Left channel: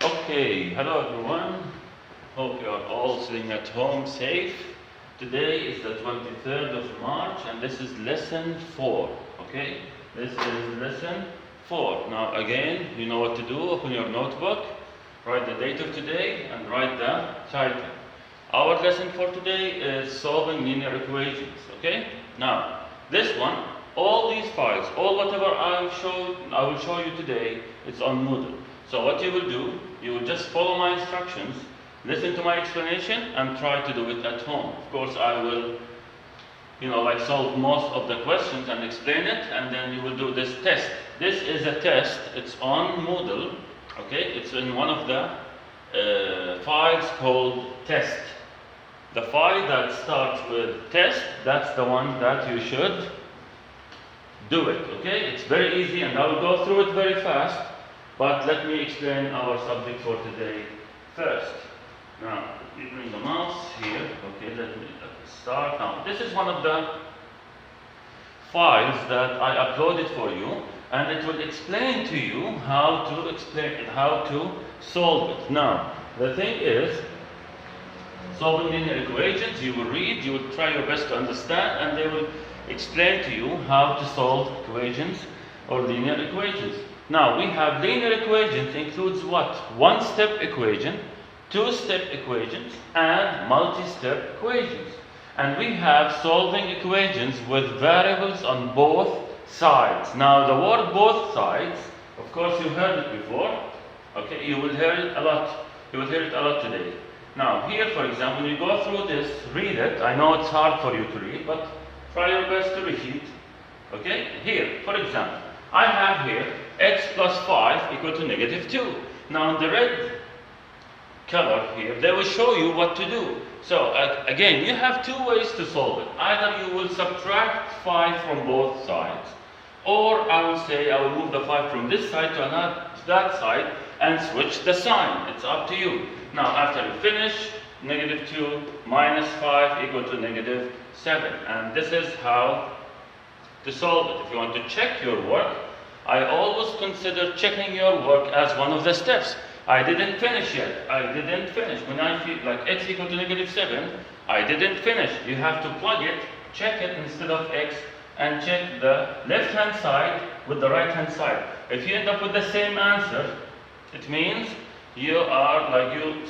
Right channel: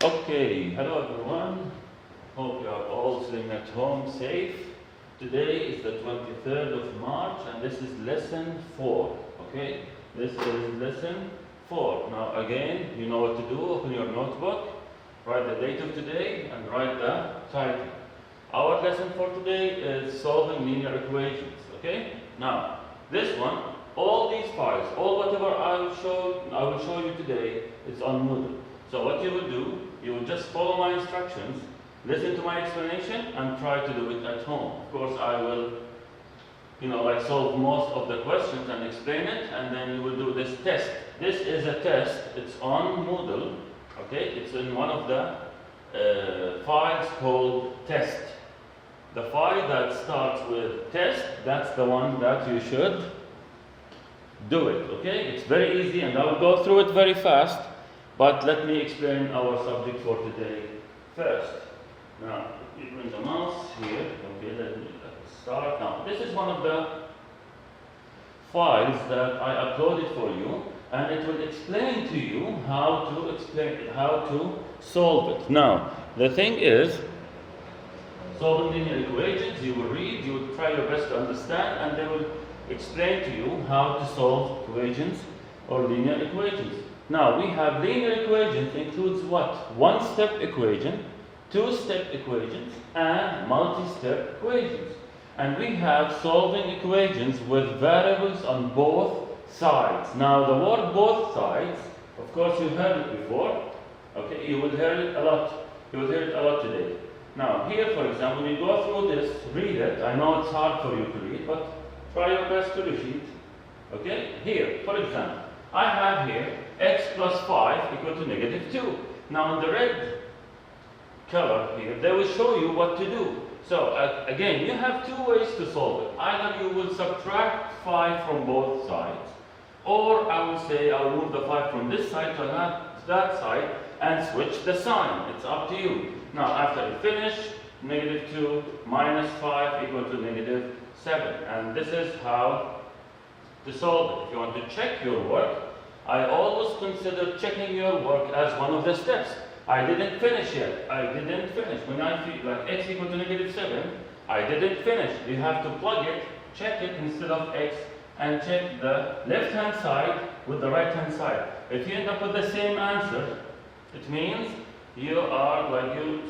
Okay, hello everyone. Hope you are all sitting at home safe. Today is the 23rd of March and this is lesson 4. Okay, this is lesson 4. Now, again, you know what to do. Open your notebook, write the date of today, and write the title. Our lesson for today is solving linear equations. Okay, now this one, all these files, all whatever I will show you today, it's on Moodle. So what you will do, you will just follow my instructions, listen to my explanation, and try to do it at home. Of course, I will, solve most of the questions and explain it, and then you will do this test. This is a test. It's on Moodle. Okay, it's in one of the files called test. The file that starts with test, that's the one that you should do it. Okay, it's very easy, and I will go through it very fast. But let me explain our subject for today first. Now, you bring the mouse here. Okay, let me start. Now, this is one of the files that I uploaded for you, and it will explain to you how to solve it. Now, the thing is, solving linear equations, you will read, you will try your best to understand, and they will explain to you how to solve equations or linear equations. Now, we have linear equations includes what? One-step equation, two-step equations, and multi-step equations. And we have solving equations with variables on both sides. Now, the word both sides, of course, you heard it before. Okay, you will hear it a lot. You will hear it a lot today. Now, here, for example, when you go through this, read it. I know it's hard for you to read, but try your best to read it. Okay, here, for example, I have here x plus 5 equal to negative 2. Now, the red color here, they will show you what to do. So, again, you have two ways to solve it. Either you will subtract 5 from both sides, or I will say I will move the 5 from this side to that side and switch the sign. It's up to you. Now, after you finish, negative 2 minus 5 equal to negative 7. And this is how to solve it. If you want to check your work, I always consider checking your work as one of the steps. I didn't finish yet. I didn't finish. When I feel like x equal to negative 7, I didn't finish. You have to plug it, check it instead of x, and check the left-hand side with the right-hand side. If you end up with the same answer, it means you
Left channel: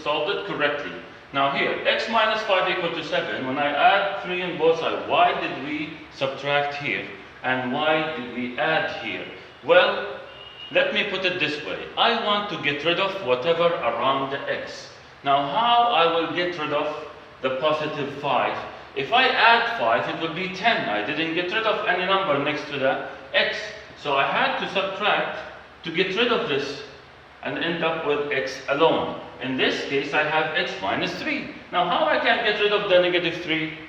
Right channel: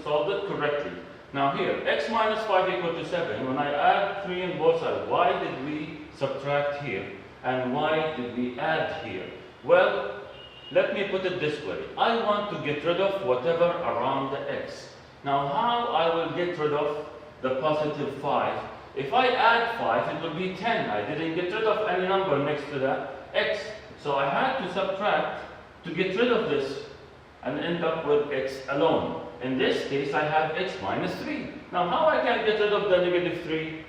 solved it correctly. Now here, x minus 5 equal to 7. When I add 3 on both sides, why did we subtract here? And why did we add here? Well, let me put it this way. I want to get rid of whatever around the x. Now, how I will get rid of the positive 5? If I add 5, it will be 10. I didn't get rid of any number next to the x. So I had to subtract to get rid of this and end up with x alone. In this case, I have x minus 3. Now, how I can get rid of the negative 3?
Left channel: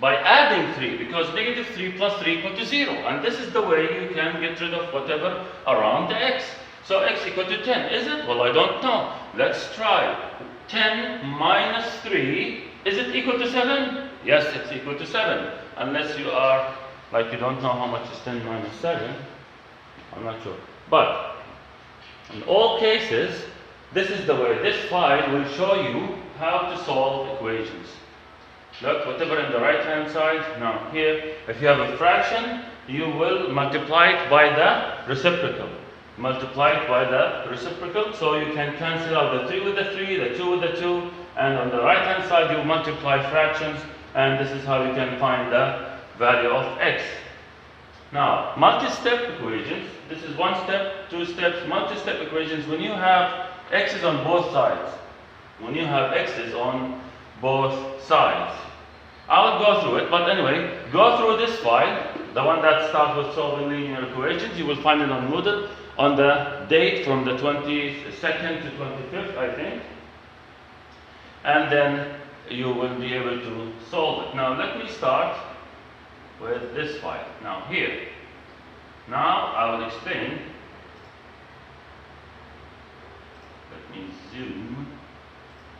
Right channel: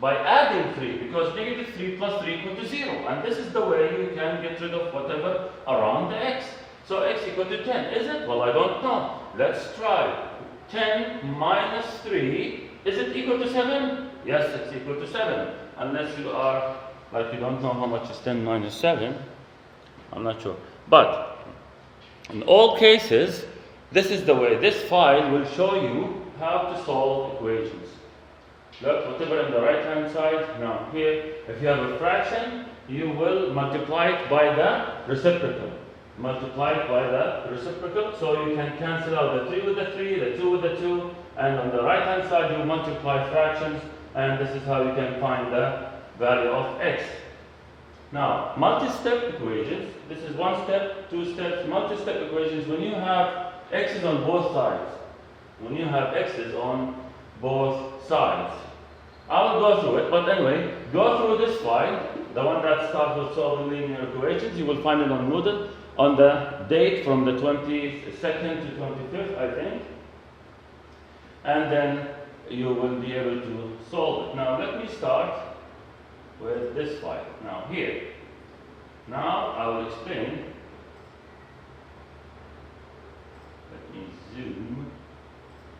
By adding 3, because negative 3 plus 3 equal to 0. And this is the way you can get rid of whatever around the x. So x equal to 10. Is it? Well, I don't know. Let's try. 10 minus 3, is it equal to 7? Yes, it's equal to 7. Unless you are, you don't know how much is 10 minus 7. I'm not sure. But, in all cases, this is the way. This file will show you how to solve equations. Look, whatever in the right-hand side. Now, here, if you have a fraction, you will multiply it by the reciprocal. Multiply it by the reciprocal, so you can cancel out the 3 with the 3, the 2 with the 2, and on the right-hand side, you multiply fractions, and this is how you can find the value of x. Now, multi-step equations, this is one step, two steps. Multi-step equations, when you have x's on both sides, when you have x's on both sides. I will go through it, but anyway, go through this file, the one that starts with solving linear equations. You will find it on Moodle on the date from the 22nd to 25th, I think. And then you will be able to solve it. Now, let me start with this file. Now, here. Now, I will explain. Let me zoom.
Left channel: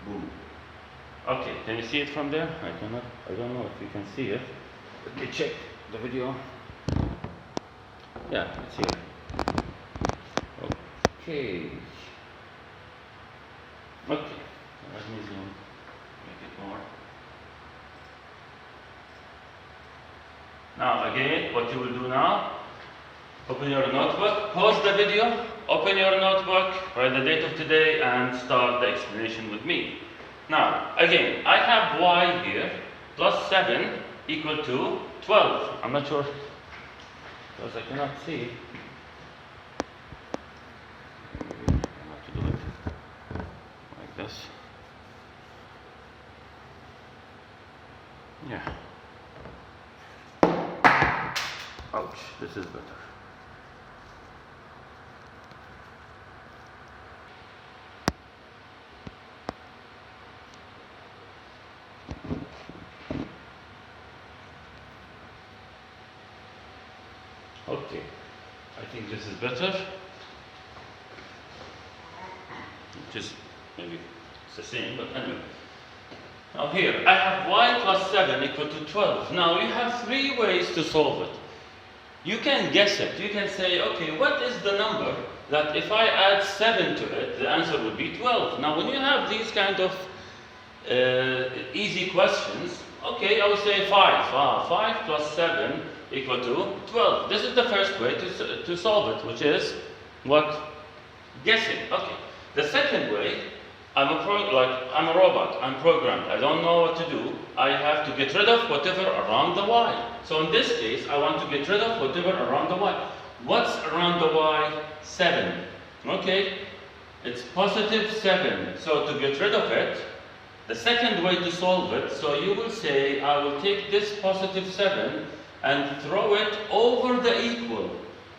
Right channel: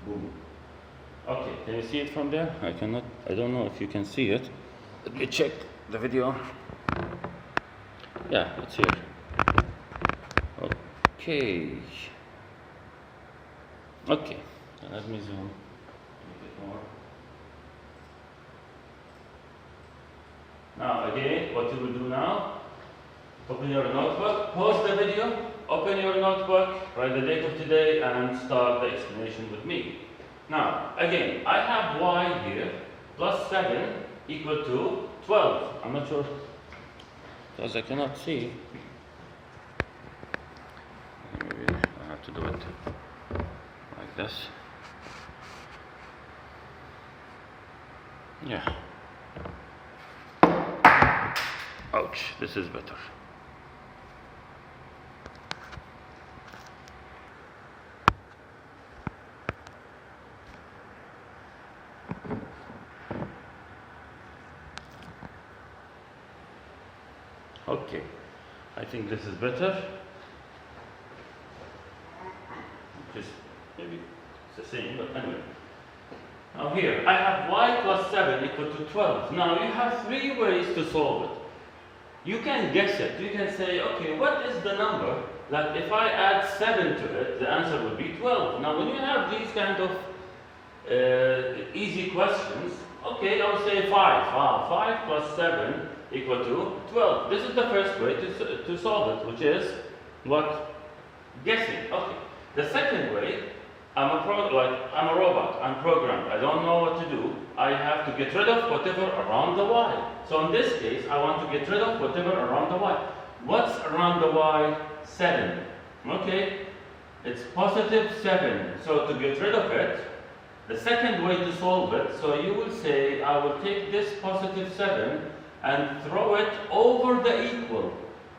Boom. Okay, can you see it from there? I don't know if you can see it. Let me check the video. Yeah, it's here. Okay. Now, let me start with this file. Now, here. Now, I will explain. Let me zoom. Boom. Okay, can you see it from there? I don't know if you can see it. Let me check the video. Yeah, it's here. Okay. Okay, let me zoom, make it more. Now again, what you will do now, open your notebook, pause the video, open your notebook, write the date of today, and start the explanation with me. Now, again, I have y here, plus 7 equal to 12. I'm not sure, because I cannot see. Maybe I have to do it like this. Yeah. Ouch, this is better. Okay, I think this is better. Just maybe it's the same, but anyway. Now here, I have y plus 7 equal to 12. Now you have 3 ways to solve it. You can guess it. You can say, okay, what is the number that if I add 7 to it, the answer would be 12. Now when you have these kind of easy questions, okay, I would say 5. 5 plus 7 equal to 12. This is the first way to solve it, which is what? Guessing. Okay. The second way, I'm a robot. I'm programmed. I don't know what to do. I have to get rid of whatever around the y. So in this case, I want to get rid of whatever around the y. What's around the y? 7. Okay. It's positive 7. So to get rid of it, the second way to solve it, so you will say, I will take this positive 7 and throw it over the equal.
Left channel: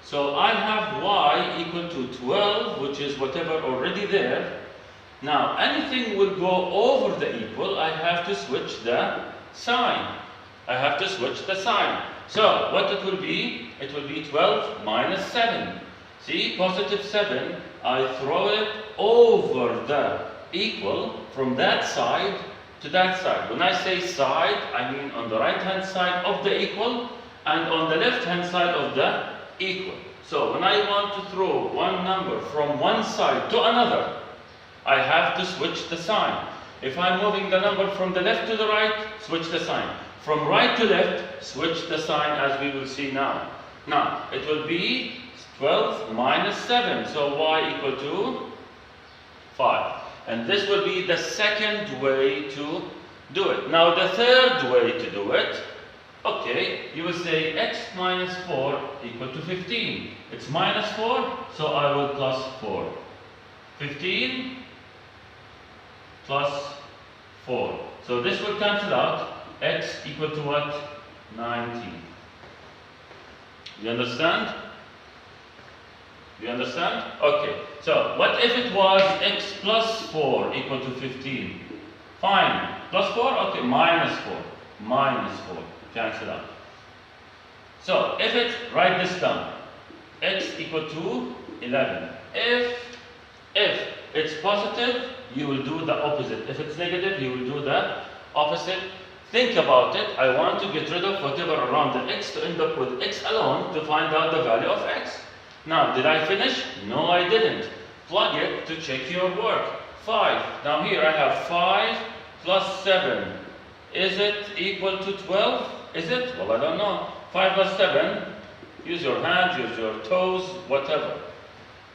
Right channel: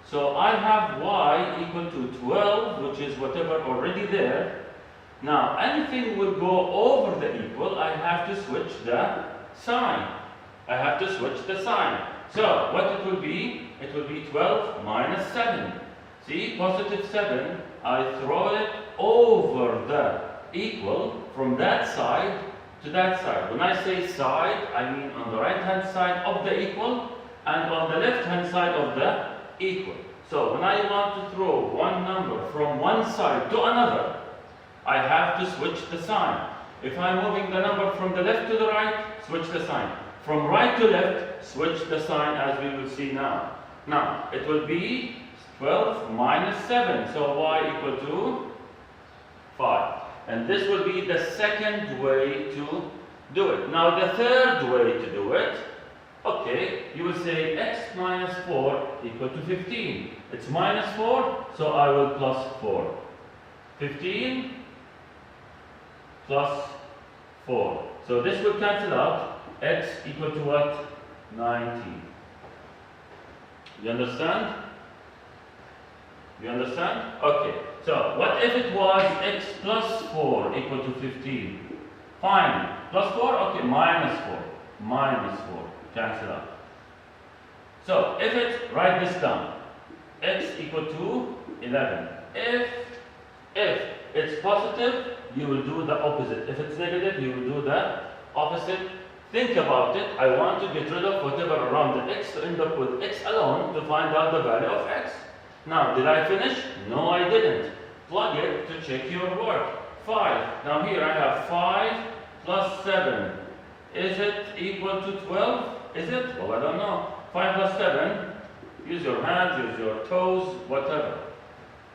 So I have y equal to 12, which is whatever already there. Now, anything will go over the equal, I have to switch the sign. I have to switch the sign. So, what it will be? It will be 12 minus 7. See, positive 7, I throw it over the equal from that side to that side. When I say side, I mean on the right-hand side of the equal and on the left-hand side of the equal. So when I want to throw one number from one side to another, I have to switch the sign. If I'm moving the number from the left to the right, switch the sign. From right to left, switch the sign, as we will see now. Now, it will be 12 minus 7, so y equal to 5. And this will be the second way to do it. Now, the third way to do it, okay, you will say x minus 4 equal to 15. It's minus 4, so I will plus 4. 15 plus 4. So this will cancel out. X equal to what? 19. You understand? You understand? Okay. So what if it was x plus 4 equal to 15? Fine. Plus 4? Okay. Minus 4. Minus 4. Cancel out. So if it, write this down. X equal to 11. If it's positive, you will do the opposite. If it's negative, you will do the opposite. Think about it. I want to get rid of whatever around the x to end up with x alone to find out the value of x. Now, did I finish? No, I didn't. Plug it to check your work. 5. Now here I have 5 plus 7. Is it equal to 12? Is it? Well, I don't know. 5 plus 7. Use your hands, use your toes, whatever.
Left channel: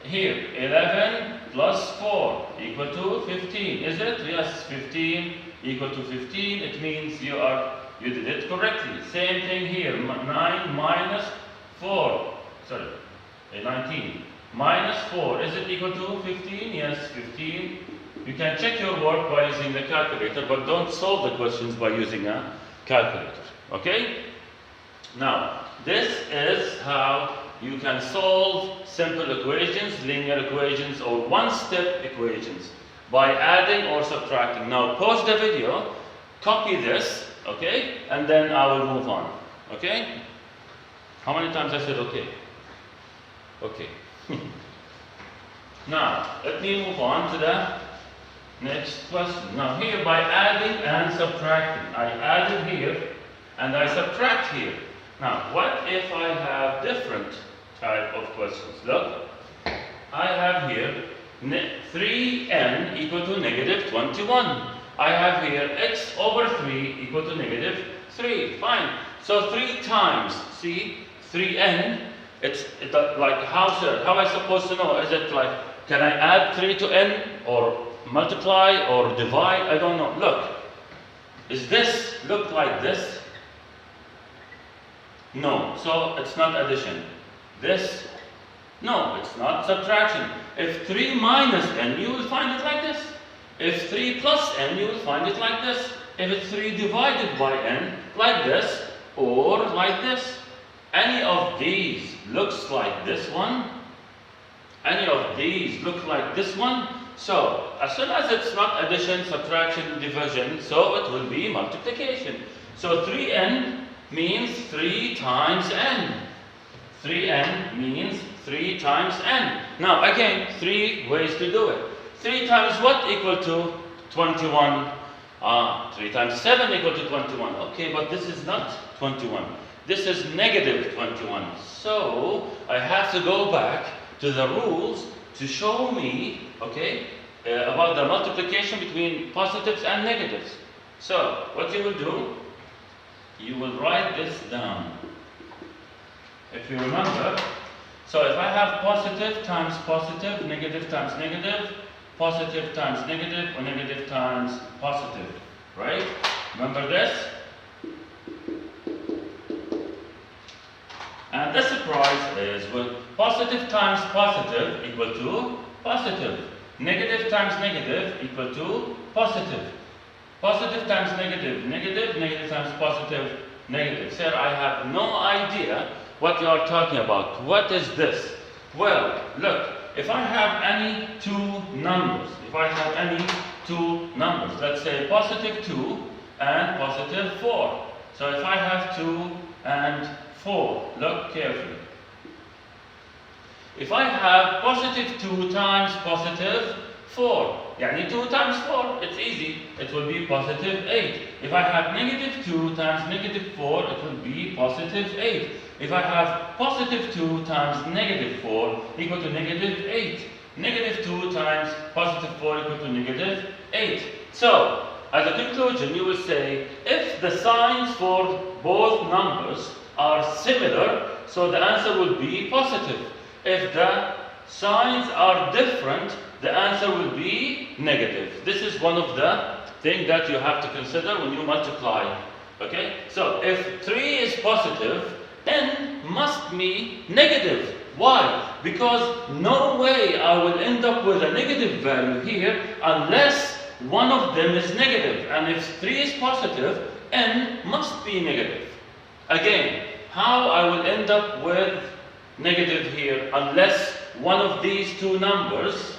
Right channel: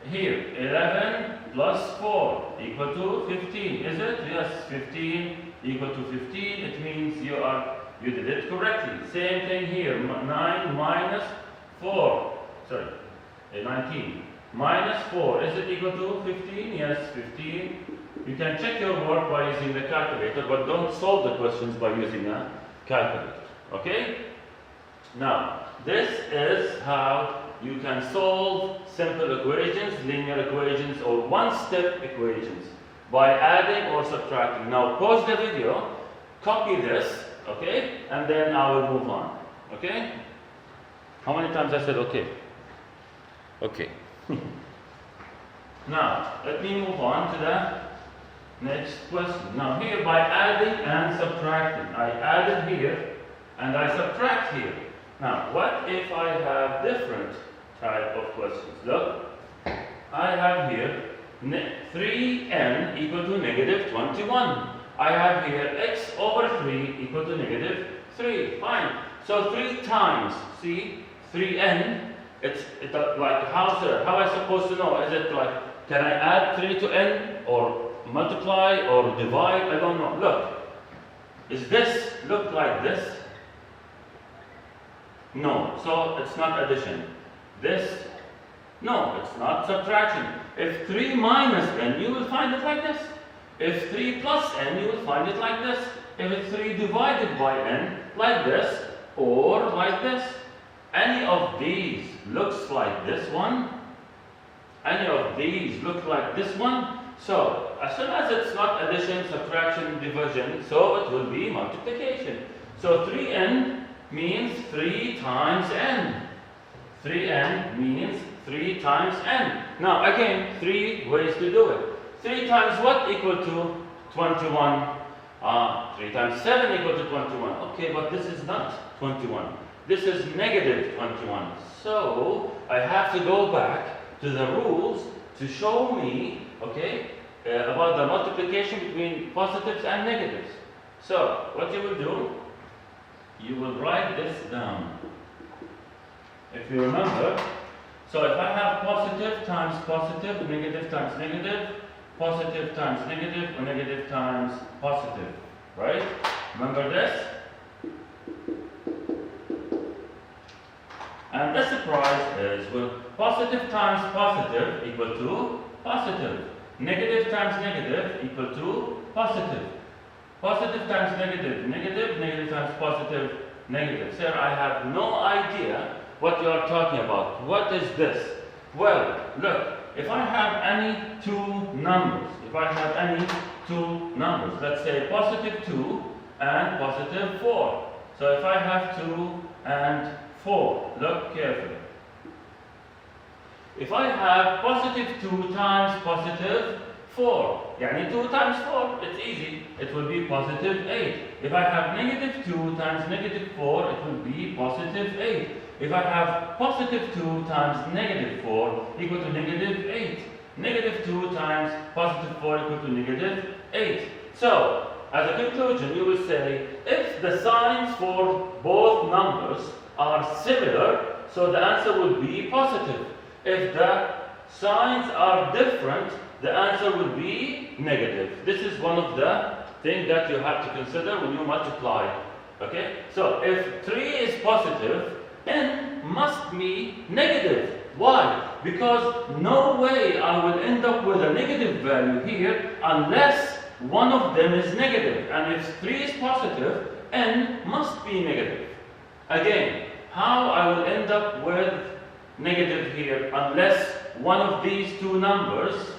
Here, 11 plus 4 equal to 15. Is it? Yes, 15 equal to 15. It means you did it correctly. Same thing here. 9 minus 4. Sorry, 19. Minus 4. Is it equal to 15? Yes, 15. You can check your work by using the calculator, but don't solve the questions by using a calculator. Okay? Now, this is how you can solve simple equations, linear equations, or one-step equations by adding or subtracting. Now, pause the video, copy this, okay, and then I will move on, okay? How many times I said okay? Okay. Now, let me move on to the next question. Now, here by adding and subtracting, I added here and I subtract here. Now, what if I have different type of questions? Look, I have here 3n equal to negative 21. I have here x over 3 equal to negative 3. Fine. So 3 times, see, 3n, it's like how am I supposed to know? Is it like, can I add 3 to n or multiply or divide? I don't know. Look, is this look like this? No, so it's not addition. This, no, it's not subtraction. If 3 minus n, you will find it like this. If 3 plus n, you will find it like this. If it's 3 divided by n, like this, or like this. Any of these looks like this one. Any of these look like this one. So, as soon as it's not addition, subtraction, division, so it will be multiplication. So 3n means 3 times n. 3n means 3 times n. Now again, 3 ways to do it. 3 times what equal to 21? 3 times 7 equal to 21. Okay, but this is not 21. This is negative 21. So I have to go back to the rules to show me, okay, about the multiplication between positives and negatives. So what you will do, you will write this down. If you remember, so if I have positive times positive, negative times negative, positive times negative, or negative times positive, right? Remember this? And the surprise is, well, positive times positive equal to positive. Negative times negative equal to positive. Positive times negative, negative, negative times positive, negative. Sir, I have no idea what you are talking about. What is this? Well, look, if I have any two numbers, let's say positive 2 and positive 4. So if I have 2 and 4, look carefully. If I have positive 2 times positive 4, yani 2 times 4, it's easy, it will be positive 8. If I have negative 2 times negative 4, it will be positive 8. If I have positive 2 times negative 4 equal to negative 8. Negative 2 times positive 4 equal to negative 8. So, as a conclusion, you will say, if the signs for both numbers are similar, so the answer will be positive. If the signs are different, the answer will be negative. This is one of the things that you have to consider when you multiply. Okay? So, if 3 is positive, n must be negative. Why? Because no way I will end up with a negative value here unless one of them is negative. And if 3 is positive, n must be negative. Again, how I will end up with negative here unless one of these two numbers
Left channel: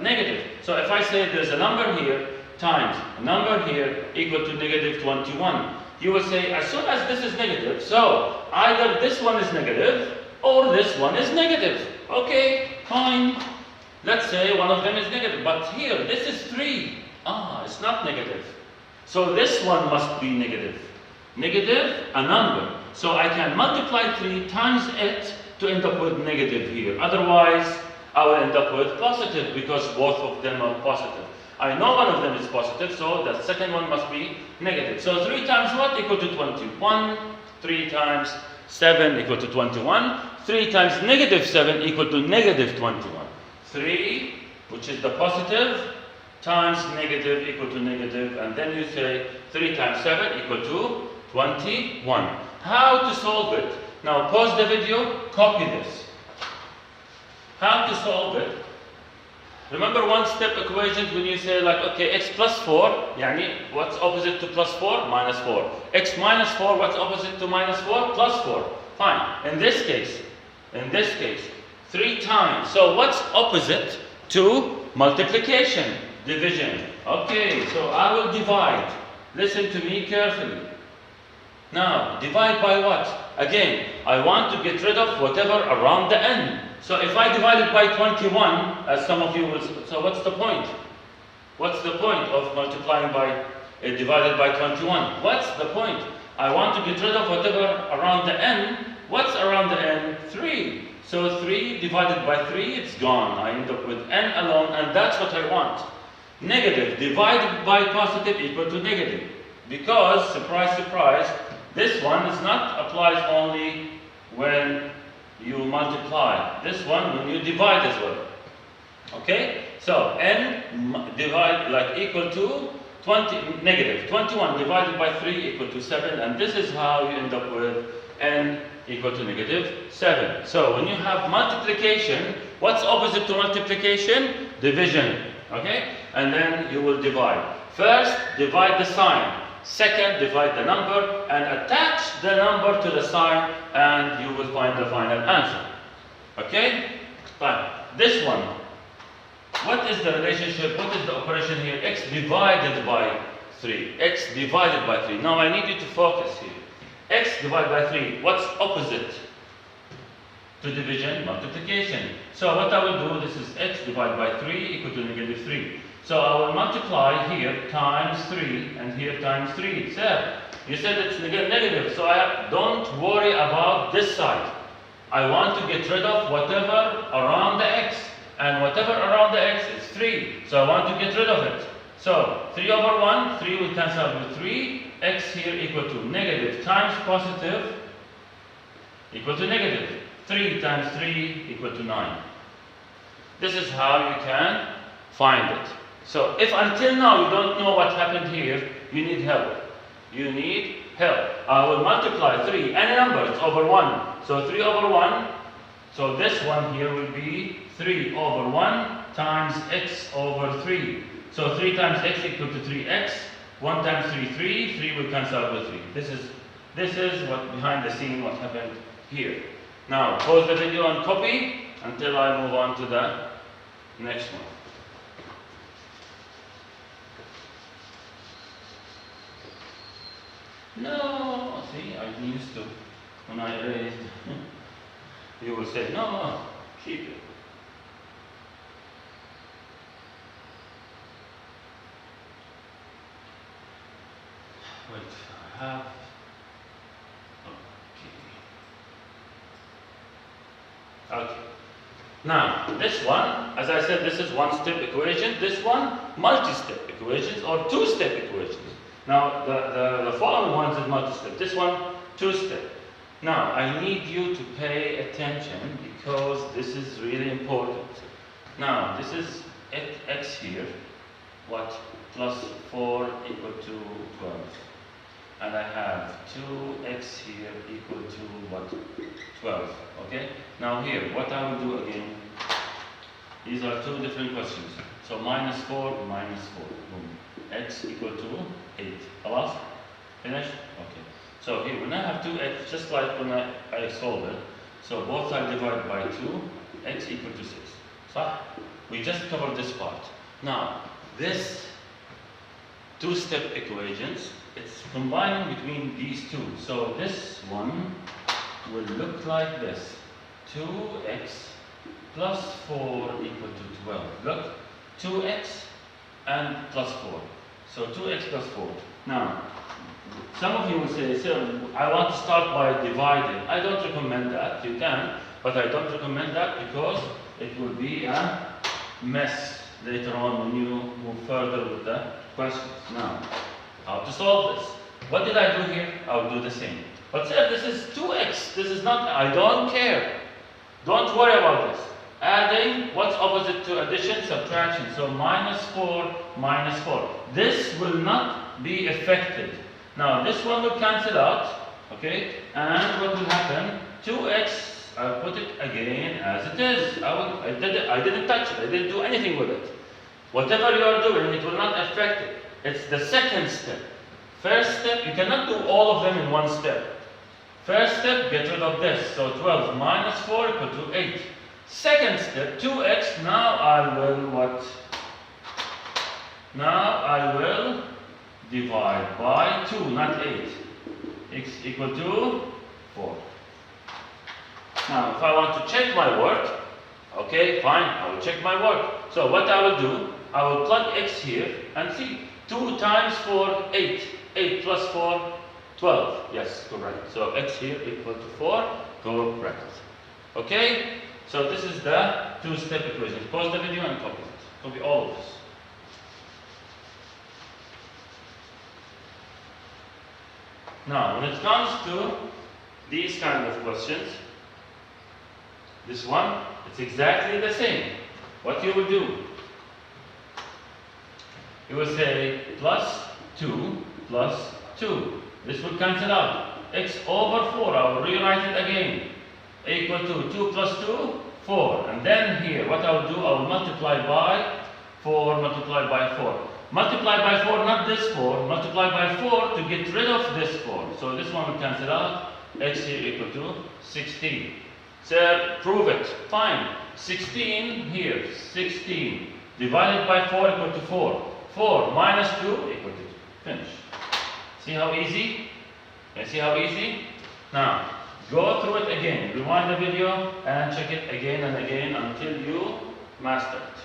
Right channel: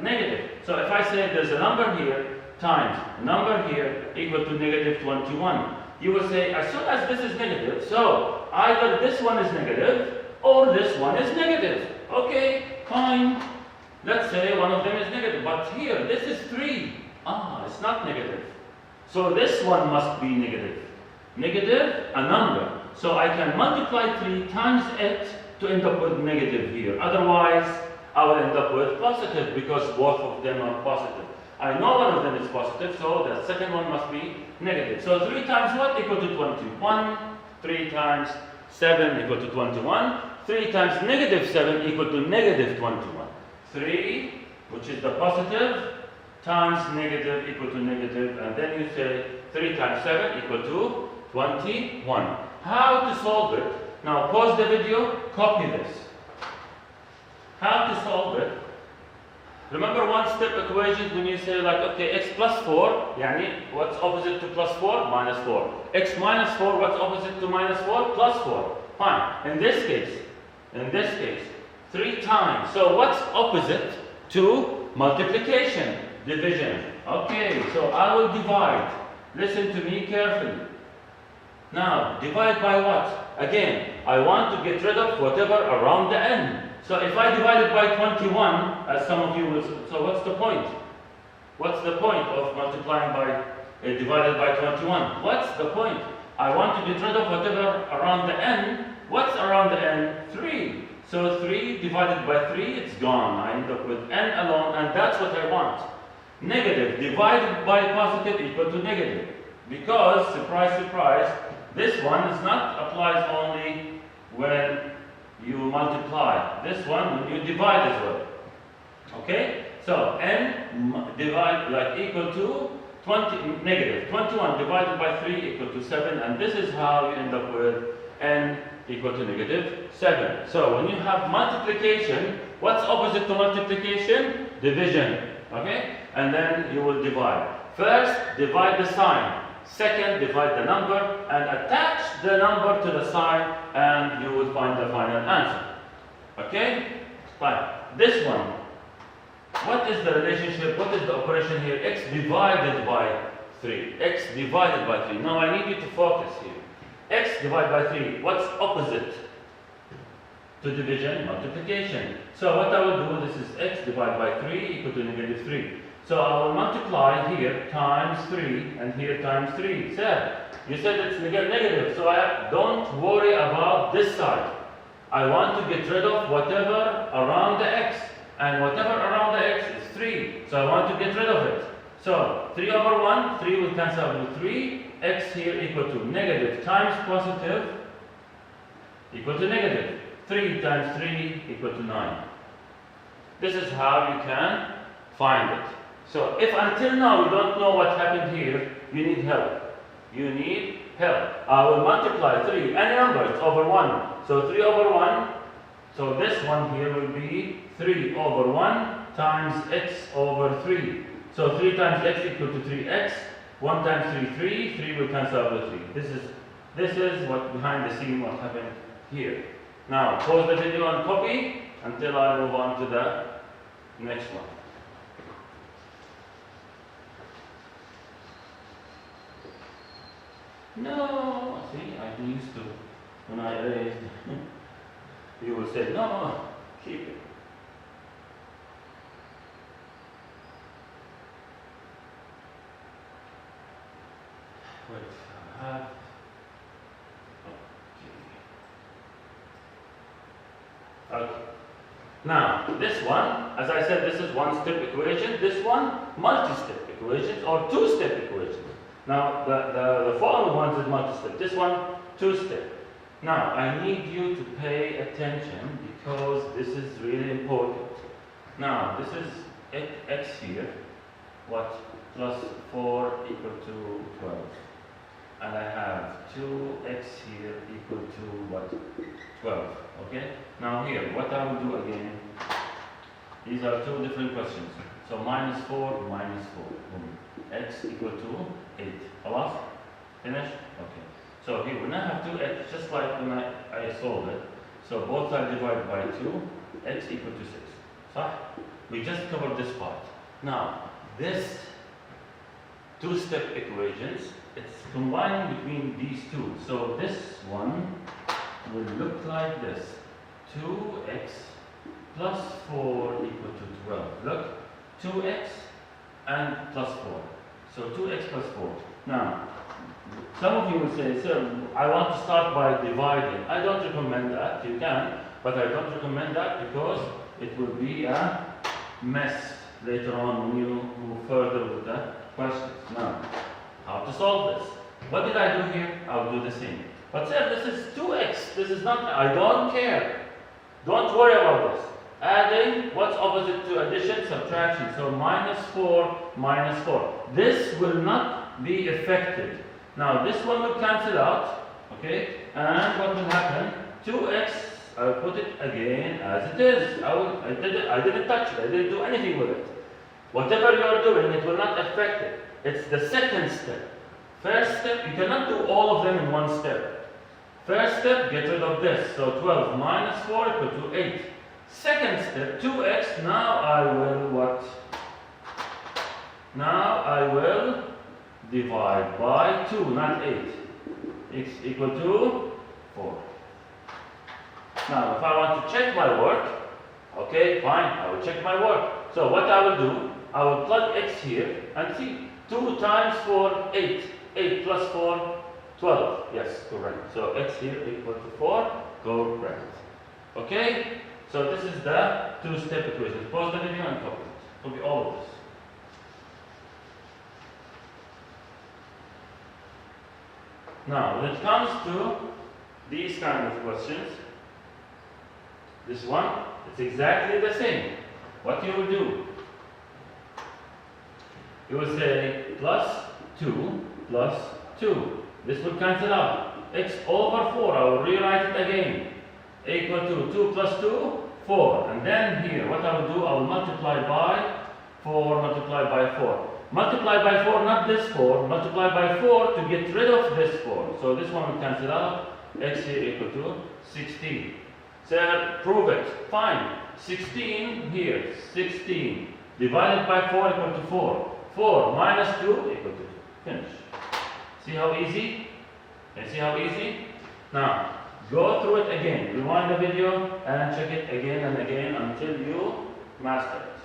negative. So if I say there's a number here times a number here equal to negative 21, you will say as soon as this is negative, so either this one is negative or this one is negative. Okay, fine. Let's say one of them is negative, but here this is 3. It's not negative. So this one must be negative. Negative, a number. So I can multiply 3 times it to end up with negative here. Otherwise, I will end up with positive because both of them are positive. I know one of them is positive, so the second one must be negative. So 3 times what equal to 21? 3 times 7 equal to 21. 3 times negative 7 equal to negative 21. 3, which is the positive, times negative equal to negative, and then you say 3 times 7 equal to 21. How to solve it? Now pause the video, copy this. How to solve it? Remember one-step equations when you say like, okay, x plus 4, yani what's opposite to plus 4? Minus 4. X minus 4, what's opposite to minus 4? Plus 4. Fine. In this case, 3 times. So what's opposite to multiplication? Division. Okay, so I will divide. Listen to me carefully. Now, divide by what? Again, I want to get rid of whatever around the n. So if I divide it by 21, as some of you will, so what's the point? What's the point of multiplying by, divided by 21? What's the point? I want to get rid of whatever around the n. What's around the n? 3. So 3 divided by 3, it's gone. I end up with n alone, and that's what I want. Negative divided by positive equal to negative. Because, surprise, surprise, this one is not applies only when you multiply. This one when you divide as well. Okay? So n divide like equal to 20 negative 21 divided by 3 equal to 7, and this is how you end up with n equal to negative 7. So when you have multiplication, what's opposite to multiplication? Division. Okay? And then you will divide. First, divide the sign. Second, divide the number and attach the number to the sign, and you will find the final answer. Okay? Fine. This one. What is the relationship? What is the operation here? X divided by 3. X divided by 3. Now I need you to focus here. X divided by 3. What's opposite to division? Multiplication. So what I will do, this is x divided by 3 equal to negative 3. So I will multiply here times 3 and here times 3. So you said it's negative, so don't worry about this side. I want to get rid of whatever around the x. And whatever around the x is 3. So I want to get rid of it. So 3 over 1, 3 will cancel out with 3. X here equal to negative times positive equal to negative. 3 times 3 equal to 9. This is how you can find it. So if until now you don't know what happened here, you need help. You need help. I will multiply 3, any number, it's over 1. So 3 over 1, so this one here will be 3 over 1 times x over 3. So 3 times x equal to 3x. 1 times 3, 3. 3 will cancel out with 3. This is what behind the scene what happened here. Now pause the video and copy until I move on to the next one. No, see, I'm used to when I erased. You will say, no, keep it. Wait, I have. Okay. Now, this one, as I said, this is one-step equation. This one, multi-step equations or two-step equations. Now, the following ones is multi-step. This one, two-step. Now, I need you to pay attention because this is really important. Now, this is x here, what? Plus 4 equal to 12. And I have 2x here equal to what? 12. Okay? Now here, what I will do again, these are two different questions. So minus 4, minus 4. Boom. X equal to 8. Alas? Finished? Okay. So here, when I have 2x, just like when I solve it, so both sides divided by 2, x equal to 6. So we just covered this part. Now, this two-step equations, it's combining between these two. So this one will look like this. 2x plus 4 equal to 12. Look, 2x and plus 4. So 2x plus 4. Now, some of you will say, sir, I want to start by dividing. I don't recommend that. You can, but I don't recommend that because it will be a mess later on when you move further with the questions. Now, how to solve this? What did I do here? I'll do the same. But sir, this is 2x. This is not, I don't care. Don't worry about this. Adding, what's opposite to addition? Subtraction. So minus 4, minus 4. This will not be affected. Now this one will cancel out, okay? And what will happen? 2x, I'll put it again as it is. I didn't touch it. I didn't do anything with it. Whatever you are doing, it will not affect it. It's the second step. First step, you cannot do all of them in one step. First step, get rid of this. So 12 minus 4 equal to 8. Second step, 2x, now I will what? Now I will divide by 2, not 8. X equal to 4. Now, if I want to check my work, okay, fine, I will check my work. So what I will do, I will plug x here and see. 2 times 4, 8. 8 plus 4, 12. Yes, correct. So x here equal to 4, correct. Okay? So this is the two-step equation. Pause the video and copy it. Copy all of this. Now, when it comes to these kind of questions, this one, it's exactly the same. What you will do? You will say plus 2 plus 2. This will cancel out. X over 4, I will rewrite it again. Equal to 2 plus 2, 4. And then here, what I will do, I will multiply by 4, multiply by 4. Multiply by 4, not this 4. Multiply by 4 to get rid of this 4. So this one will cancel out. X here equal to 16. Sir, prove it. Fine. 16 here, 16. Divided by 4 equal to 4. 4 minus 2 equal to 2. Finish. See how easy? Can you see how easy? Now, go through it again. Rewind the video and check it again and again until you master it.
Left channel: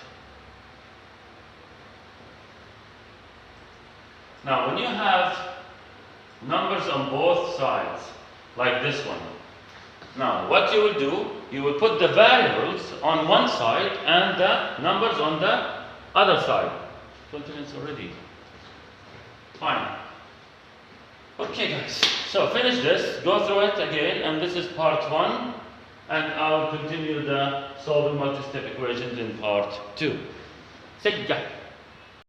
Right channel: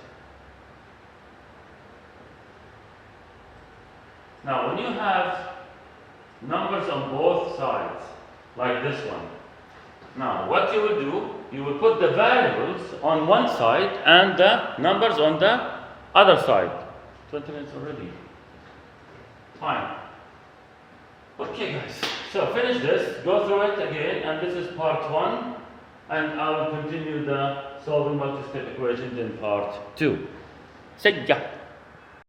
Now, when you have numbers on both sides, like this one, now what you will do, you will put the variables on one side and the numbers on the other side. 20 minutes already. Fine. Okay, guys. So finish this, go through it again, and this is part 1, and I will continue the solving multi-step equations in part 2. See ya.